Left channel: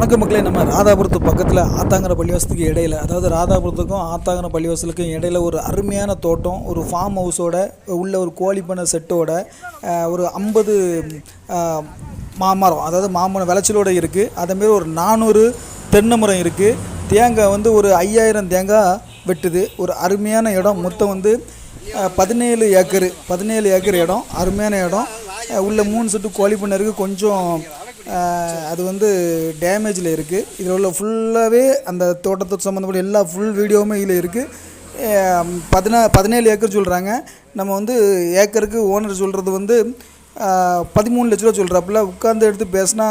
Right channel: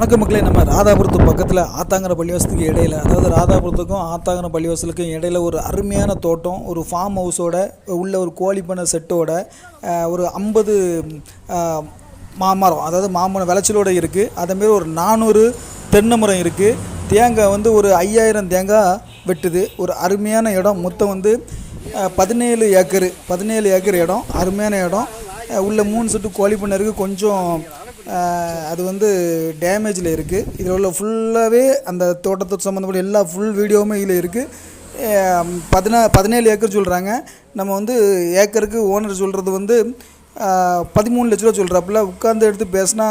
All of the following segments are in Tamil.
வணக்க மக்களே நம்ம ராதாபுரத்து பக்கத்தில் ஆத்தாங்கர பள்ளிவாசத்துக்கு இடையில அதாவது ராதாபுரத்துக்கும் ஆத்தாங்கர பள்ளிவாசலுக்கும் இடையில ஒரு அருமையான தோட்டம் ஒரு ஃபார்ம் ஹவுஸோட உள்ள ஒரு கோழி பண்ணை செட்டோட ஒரு ஐம்பது மாமரம் அதாவது மாமரம் விளைச்சலோடு இருக்குது அதேமாரி ஒரு நானூறு தென்னை மரம் இருக்குது தேங்காய் வந்து ஒரு ஐயாயிரம் தேங்காய் வெட்டுது. ஒரு அருமையான இடம். மொத்தம் வந்து பதினேழு ஏக்கரு பதினேழு ஏக்கர் இடம். அருமையான இடம். உள்ள மூணு செட்டு கோழி இருக்குது கொஞ்சம் அது வந்து டேமேஜில் இருக்குது இதில் உள்ள ஃபுல்லாகவே அந்த தோட்டத்து சம்மந்தப்பட்ட எல்லா ஃபுல் வீடியோவுமே இதில் இருக்குது பதினா பதினேழு ஏக்கர் சொல்கிறாங்க நம்ம வந்து ஏக்கருக்கு ஓனர் சொல்கிறது வந்து பதிமூணு லட்ச ரூபா சொல்கிறாப்புல உட்காந்து எடுத்து பேசினா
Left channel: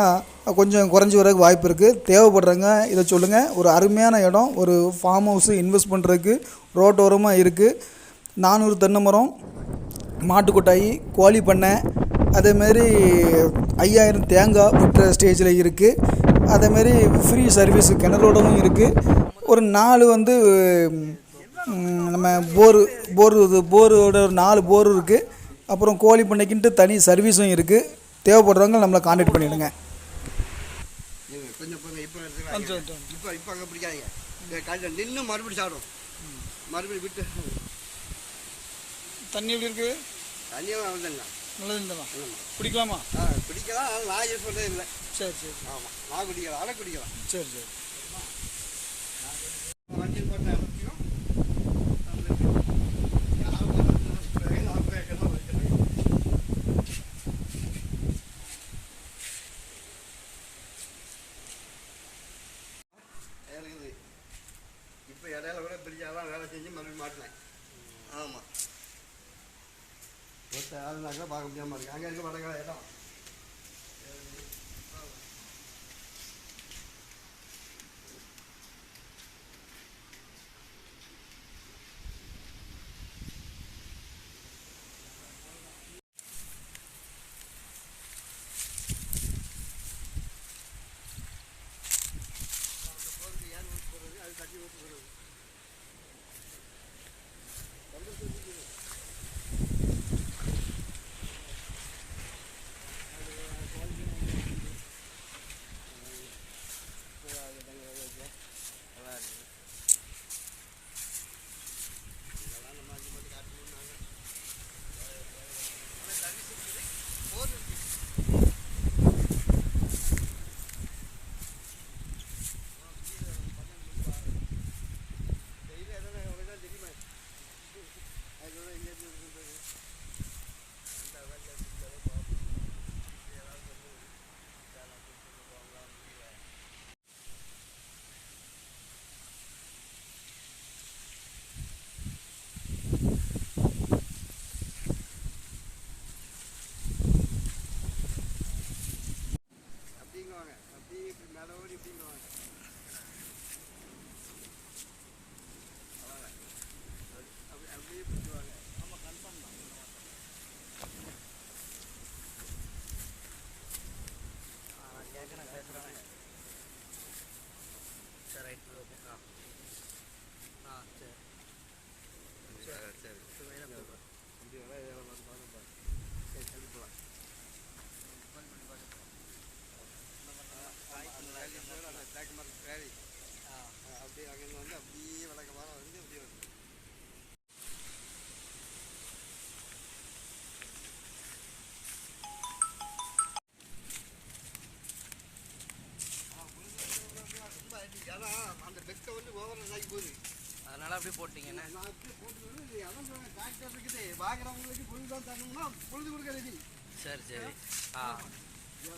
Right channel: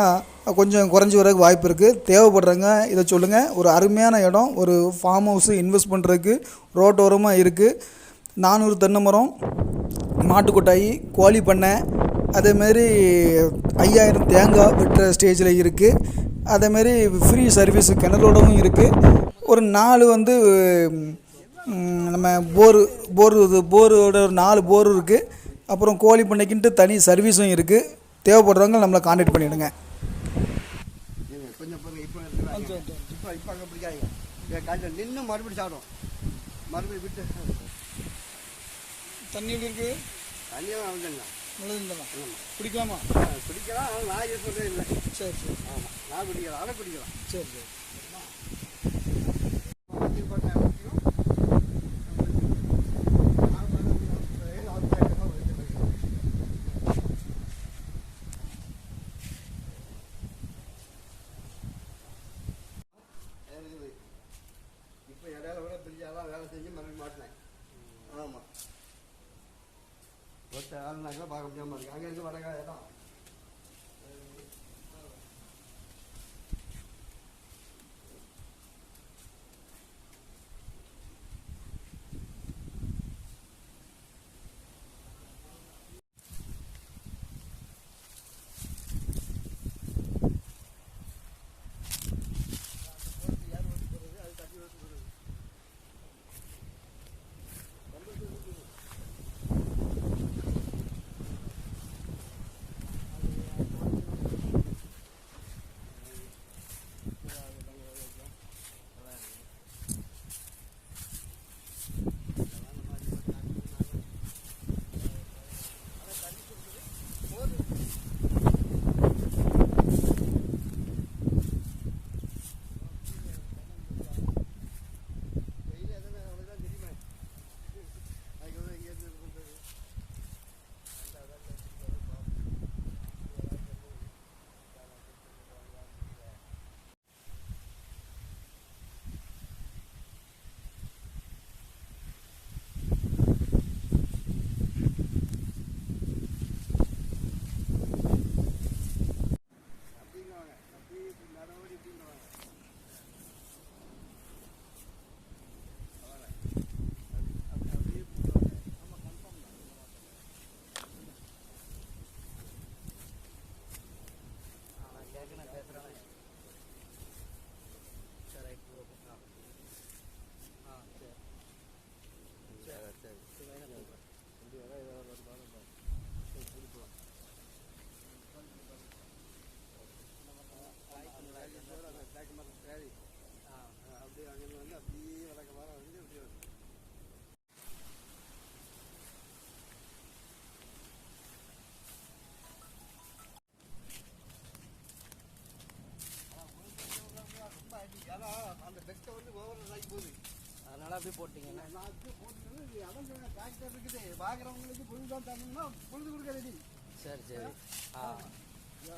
கொஞ்சம் குறைஞ்சி வரதுக்கு வாய்ப்பு இருக்குது தேவைப்படுறவங்க இதை சொல்லுங்கள் ஒரு அருமையான இடம். ஒரு ஃபார்ம் ஹவுஸு இன்வெஸ்ட் பண்ணுறதுக்கு ரோட்டோரமாக இருக்குது நானூறு தென்னை மரம் மாட்டுக்கொட்டாயி கோழி பண்ணை அதேமாரி ஐயாயிரம் தேங்காய் வெட்டுற ஸ்டேஜில் இருக்குது அதேமாரி ஃப்ரீ சர்வீஸ் கிணறோடவும் இருக்குது ஒரு நாலு வந்து நம்ம போரு போர் இது போரோட ஒரு நாலு போர் இருக்குது அப்புறம் கோழி பண்ணைக்குன்ட்டு தனி சர்வீஸும் இருக்குது தேவைப்படுறவங்க நம்மளை கான்டாக்ட் பண்ணிவிடுங்க கொஞ்சம் நின்று மறுபடியும் சாப்பிடும் மறுபடியும் விட்டு தண்ணி எப்படி இருக்குது தண்ணியும் நல்லது பிடிக்கலாமா? குடிக்கலாம் நான் இது சொல்கிறே இல்லை. சரி சரி. ஆமாம் நான் குடிக்கலாம் அதை குடிக்கலாம் சரி சரி. மஞ்சள் போட்ட ஒருத்த ஆளுனாக்கா பார்க்க முடியாமல் இருக்கு அங்கே இருக்க வடகால டிராக்டர் இருக்குது வாங்குறவங்களுக்கு பொழுது தான் தரணும்னா பொழுது கொடுக்க ரெடி சரி சரி. ஆ.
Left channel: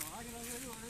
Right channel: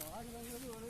வாங்குறவங்களுக்கு ஒரே